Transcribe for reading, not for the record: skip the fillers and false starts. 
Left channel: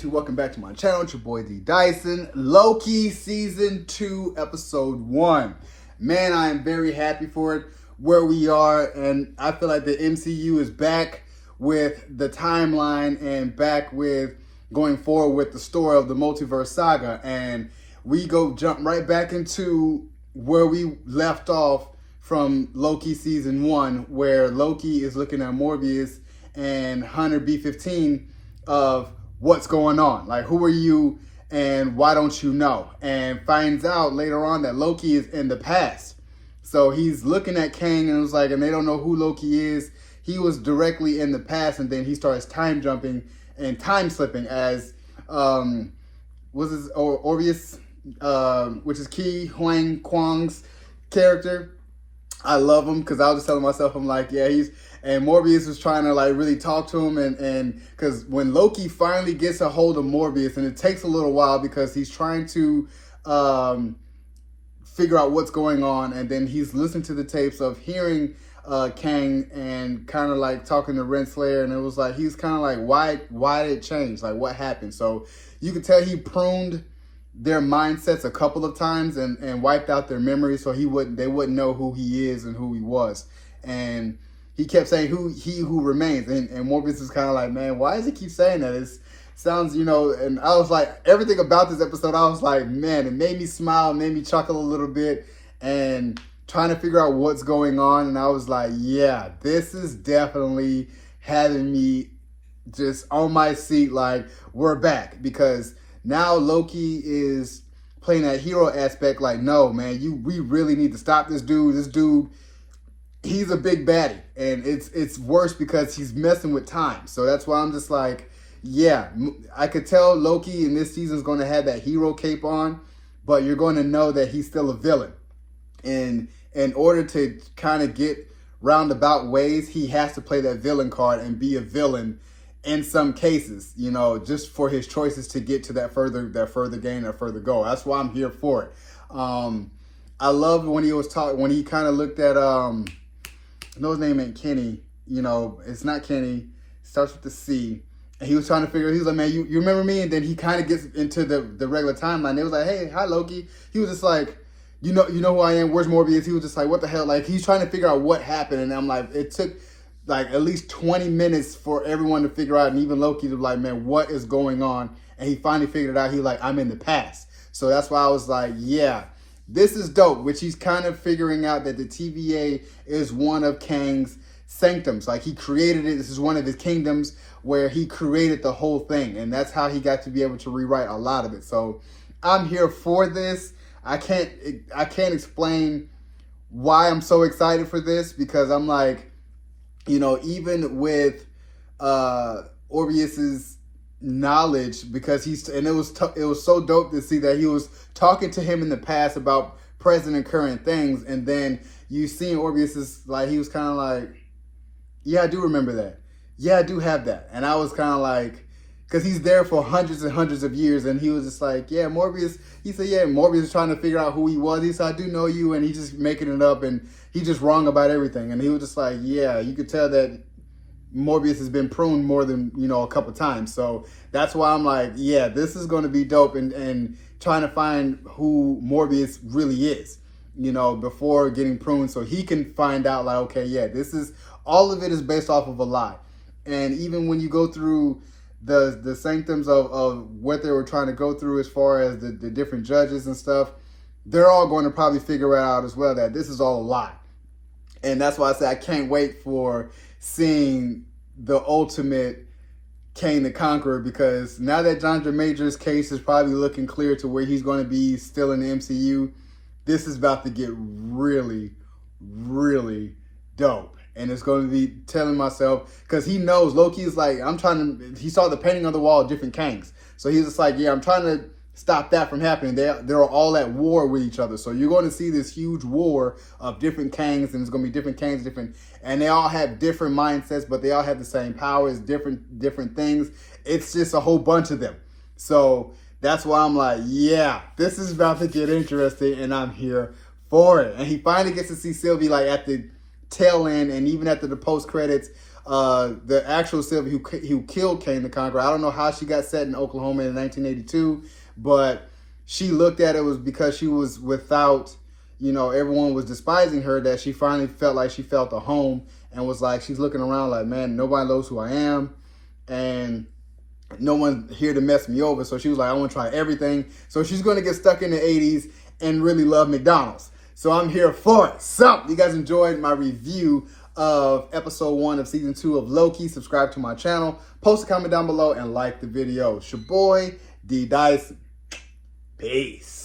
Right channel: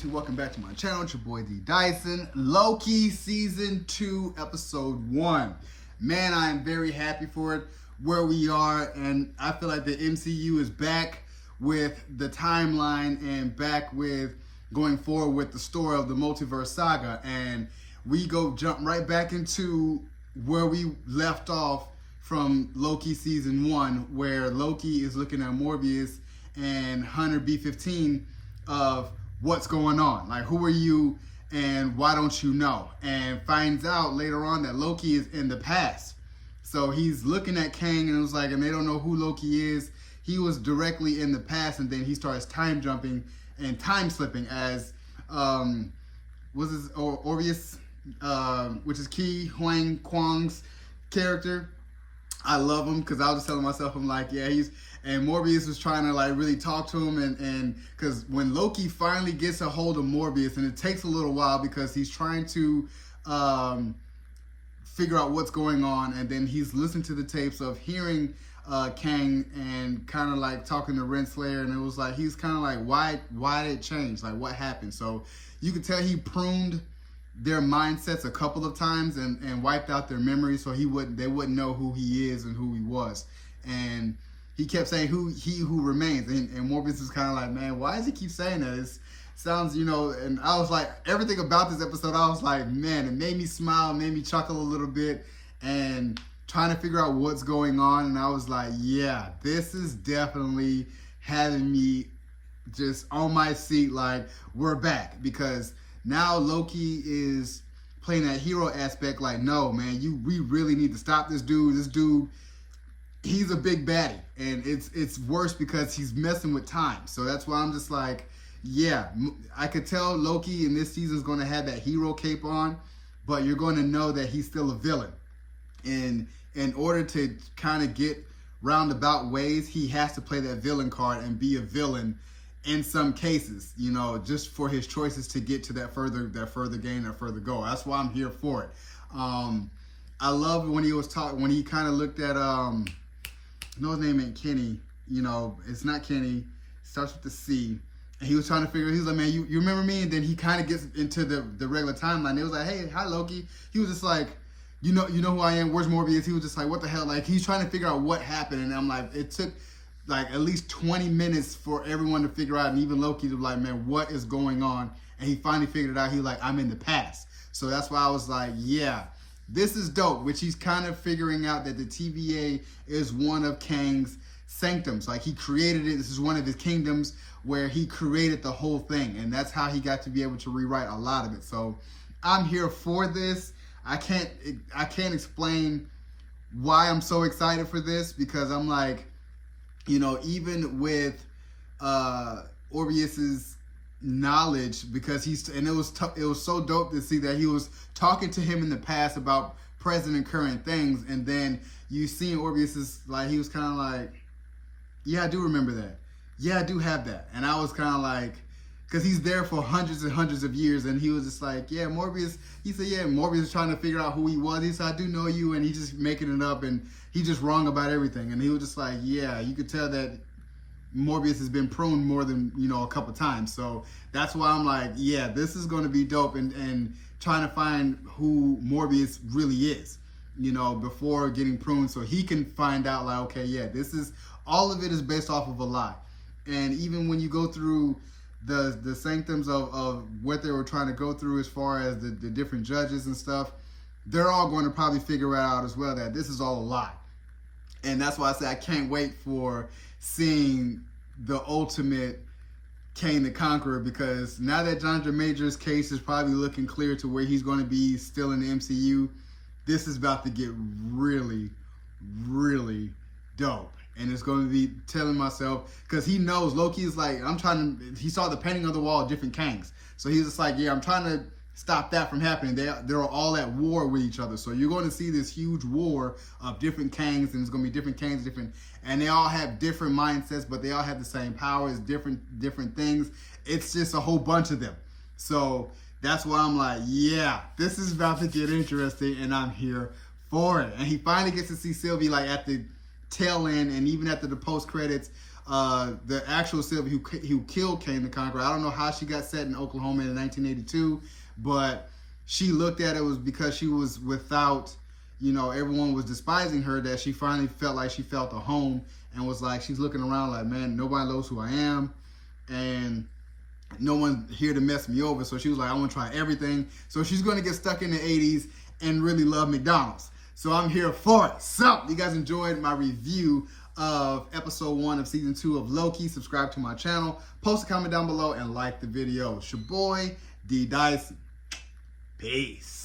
YouTube? Welcome back to my channel. It's your boy D Dyson. Loki Season 2, Episode 1. Man, I am very happy for it, where we are, and I feel like the MCU is back with the timeline and back with going forward with the story of the multiverse saga. And we jump right back into where we left off from Loki Season 1, where Loki is looking at Morbius and Hunter B-15 of what's going on. Like, who are you and why don't you know? And finds out later on that Loki is in the past. So he's looking at Kang and it was like, and they don't know who Loki is. He was directly in the past, and then he starts time jumping and time slipping as, was his Orbeus, which is Ki Huang Kwang's character. I love him because I was just telling myself, I'm like, yeah, and Morbius was trying to like really talk to him, and because when Loki finally gets a hold of Morbius, and it takes a little while because he's trying to figure out what's going on, and then he's listening to the tapes of hearing Kang and kind of like talking to Renslayer, and it was like, he's kind of like, why did it change? Like, what happened? So you could tell he pruned their mindsets a couple of times and wiped out their memories, so they wouldn't know who he is and who he was. And he kept saying who remains, and Morbius is kind of like, man, why does he keep saying that? It sounds, and I was like, everything about this episode, I was like, man, it made me smile, made me chuckle a little bit, and trying to figure out what's going on. And I was like, yeah, this is definitely having me just on my seat, like, we're back, because now Loki is playing that hero aspect, like, no, man, we really need to stop this dude. This dude, he's a big baddie, and it's worse because he's messing with time. So that's why I'm just like, yeah, I could tell Loki in this season is going to have that hero cape on, but you're going to know that he's still a villain. And in order to kind of get roundabout ways, he has to play that villain card and be a villain in some cases, just for his choices to get to that further gain or further goal. That's why I'm here for it. I love when he was when he kind of looked at, I know his name ain't Kenny, it's not Kenny, starts with the C. And he was trying to figure, he was like, man, you remember me? And then he kind of gets into the regular timeline. It was like, hey, hi, Loki. He was just like, you know who I am, where's Morbius? He was just like, what the hell? Like, he's trying to figure out what happened. And I'm like, it took like at least 20 minutes for everyone to figure out, and even Loki to be like, man, what is going on? And he finally figured it out. He's like, I'm in the past. So that's why I was like, yeah, this is dope, which he's kind of figuring out that the TVA is one of Kang's sanctums. Like, he created it. This is one of his kingdoms where he created the whole thing. And that's how he got to be able to rewrite a lot of it. So I'm here for this. I can't explain why I'm so excited for this, because I'm like, even with Orbeus's knowledge, because it was so dope to see that he was talking to him in the past about present and current things, and then you see Orbeus's, like, he was kind of like, yeah, I do remember that. Yeah, I do have that. And I was kind of like, because he's there for hundreds and hundreds of years, and he was just like, yeah, Morbius. He said, yeah, Morbius is trying to figure out who he was. He said, I do know you, and he's just making it up, and he's just wrong about everything. And he was just like, yeah, you could tell that Morbius has been pruned more than, a couple times. So that's why I'm like, yeah, this is going to be dope, and trying to find who Morbius really is, before getting pruned, so he can find out, like, okay, yeah, all of it is based off of a lie. And even when you go through the sanctums of what they were trying to go through as far as the different judges and stuff, they're all going to probably figure it out as well, that this is all a lie. And that's why I say I can't wait for seeing the ultimate Kang the Conqueror, because now that Jonathan Major's case is probably looking clear to where he's going to be still in the MCU, this is about to get really, really dope. And it's going to be telling myself, because he knows Loki is like, he saw the painting on the wall of different Kangs. So he's just like, yeah, I'm trying to stop that from happening. They're all at war with each other. So you're going to see this huge war of different Kangs, and it's going to be different Kangs, and they all have different mindsets, but they all have the same powers, different things. It's just a whole bunch of them. So that's why I'm like, yeah, this is about to get interesting, and I'm here for it. And he finally gets to see Sylvie, like, at the tail end, and even after the post credits, the actual Sylvie who killed Kang the Conqueror. I don't know how she got set in Oklahoma in 1982, but she looked at it was because she was without, you know, everyone was despising her, that she finally felt like she felt a home, and was like, she's looking around like, man, nobody knows who I am, and no one here to mess me over. So she was like, I want to try everything. So she's going to get stuck in the 80s and really love McDonald's. So I'm here for it. So you guys enjoyed my review of episode 1 of season 2 of Loki. Subscribe to my channel, post a comment down below, and like the video. It's your boy D Dyson. Peace.